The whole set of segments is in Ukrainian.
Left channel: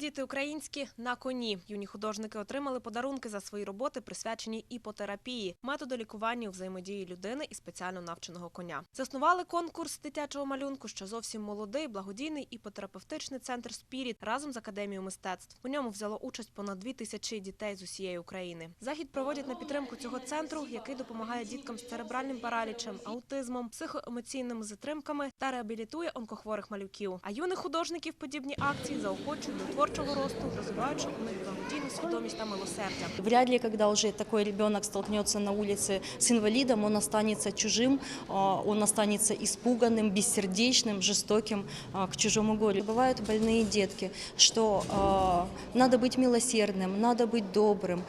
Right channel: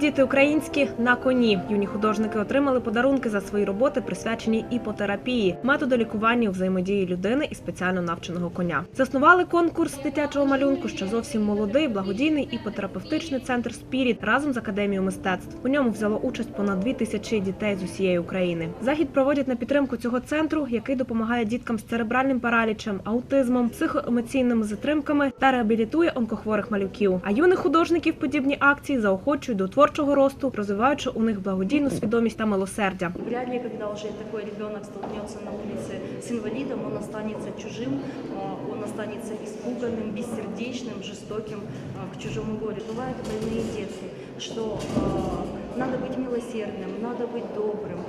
Діти українські на коні. Юні художники отримали подарунки за свої роботи, присвячені іпотерапії, методу лікування взаємодії людини і спеціально навченого коня. Заснували конкурс дитячого малюнку, що зовсім молодий, благодійний іпотерапевтичний центр Спіріт разом з академією мистецтв. У ньому взяло участь понад дві тисячі дітей з усієї України. Захід проводять на підтримку цього центру, який допомагає діткам з церебральним паралічем, аутизмом, психоемоційними затримками та реабілітує онкохворих малюків. А юних художників подібні акції заохочують до творчого росту, розвиваючи у них благодійну свідомість та милосердя. Вряд ли, когда уже такой ребенок столкнется на улице с инвалидом, он останется чужим, а, он останется испуганным, бессердечным, жестоким а, к чужому горю. Бывают больные детки, что а, надо быть милосердным, надо быть добрым,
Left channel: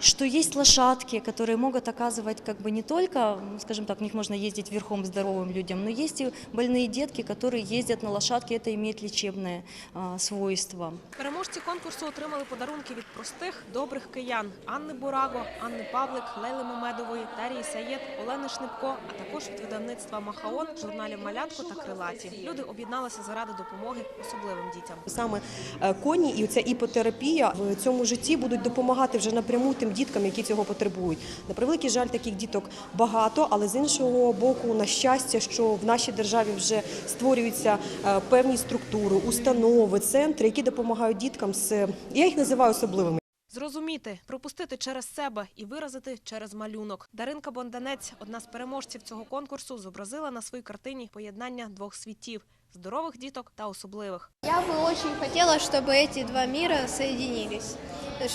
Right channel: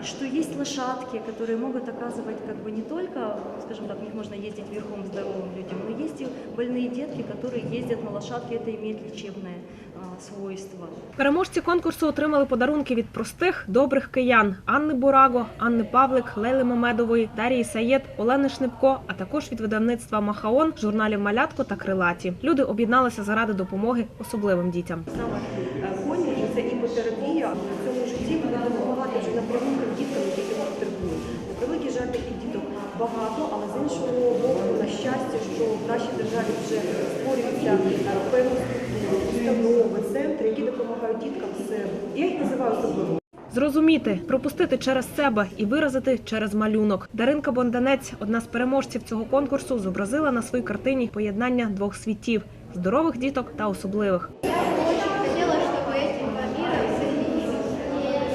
что есть лошадки, которые могут оказывать как бы не только, ну, скажем так, в них можно ездить верхом здоровым людям, но есть и больные детки, которые ездят на лошадке, это имеет лечебное а, свойство. Переможці конкурсу отримали подарунки від простих добрих киян Анни Бураго, Анни Павлик, Лейли Мамедової, Дарії Саєд, Олени Шнипко, а також від видавництва Махаон, журналів Малятко та Крилаті. Люди об'єдналися заради допомоги особливим дітям. Саме е, коні і ця іпотерапія в цьому житті будуть допомагати вже напряму тим діткам, які цього потребують. На превеликий жаль, таких діток багато, але з іншого боку, на щастя, що в нашій державі вже створюються е, певні структури, установи, центри, які допомагають діткам з я їх називаю особливими. Зрозуміти, пропустити через себе і виразити через малюнок. Даринка Бонданець, одна з переможців цього конкурсу, зобразила на своїй картині поєднання двох світів здорових діток та особливих. Я бы очень хотела, чтобы эти два мира соединились,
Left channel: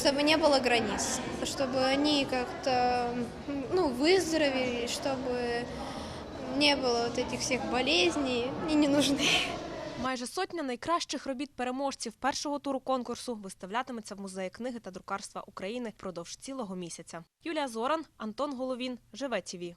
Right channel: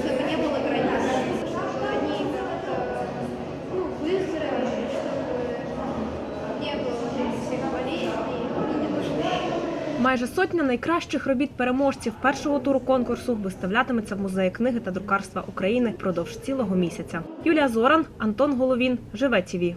чтобы не было границ, чтобы они как-то ну, выздоровели, чтобы не было вот этих всех болезней и не нужны. Майже сотня найкращих робіт переможців першого туру конкурсу виставлятиметься в музеї книги та друкарства України впродовж цілого місяця. Юлія Зоран, Антон Головін, Живе ТІВІ.